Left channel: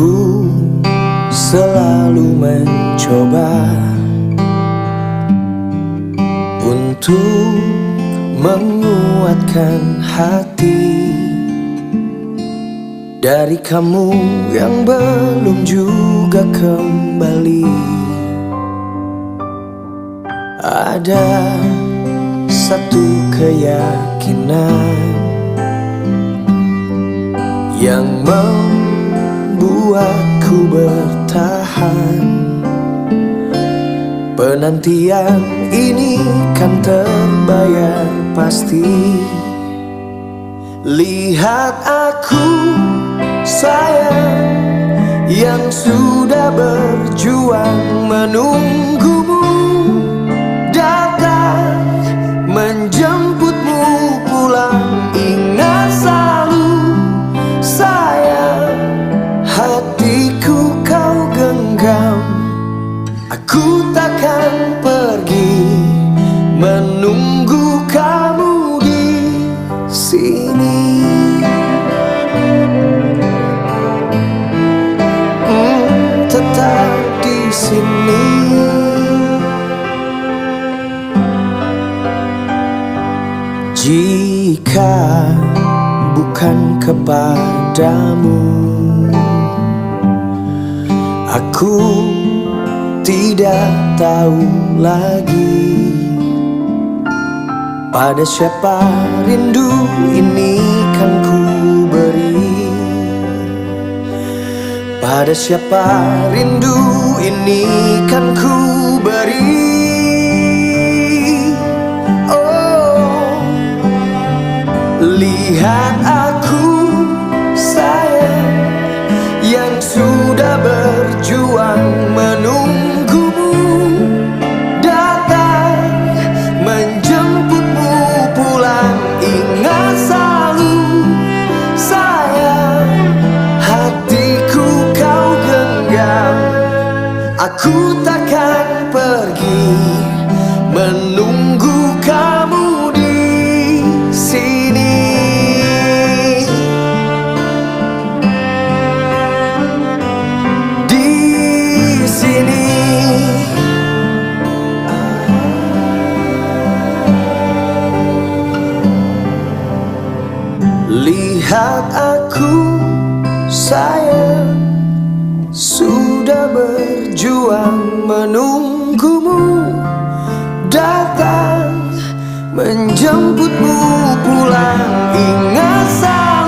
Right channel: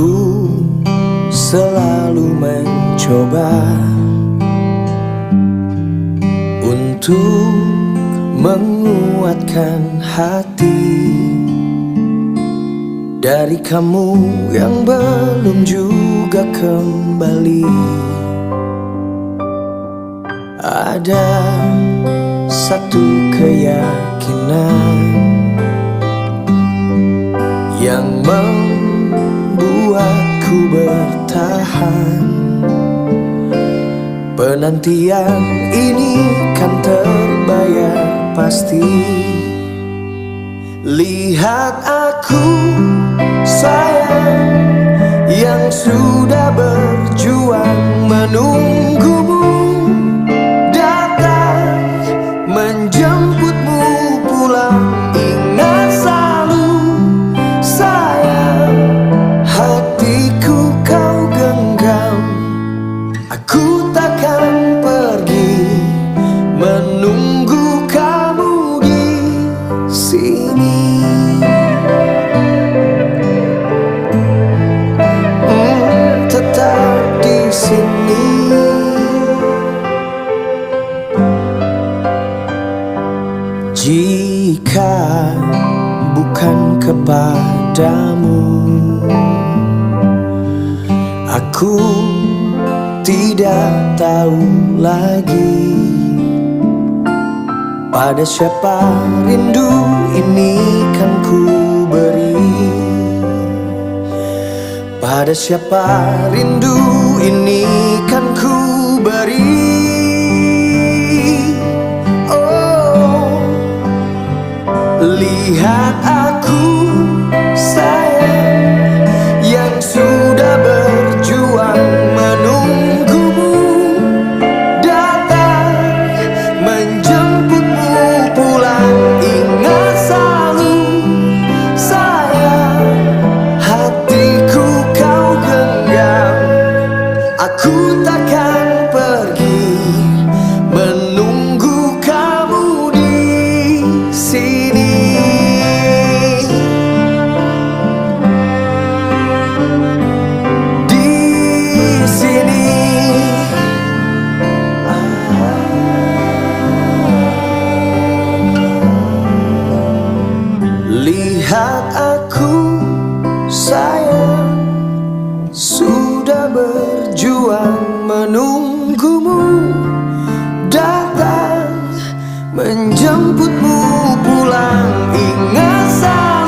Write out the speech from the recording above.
Aku selalu mencoba untuk menguatkan hati dari kamu yang belum juga kembali. Ada satu keyakinan yang membuatku bertahan. Penantian ini kan terbayar pasti. Lihat aku sayang, yang sudah berjuang menunggumu datang menjemputmu pulang. Ingat selalu sayang, hatiku kau genggam. Aku takkan pergi menunggu kamu di sini. Tetap di sini. Jika bukan kepadamu, aku tidak tahu lagi pada siapa rindu ini kan ku beri. Pada siapa rindu ini kan ku beri. Oh, lihat aku sayang, yang sudah berjuang menunggumu datang menjemputmu pulang. Ingat selalu sayang, hatiku kau genggam. Aku takkan pergi menunggu kamu di sini. Lihat aku sayang, sudah berjuang menunggumu datang menjemputmu pulang. Ingat saya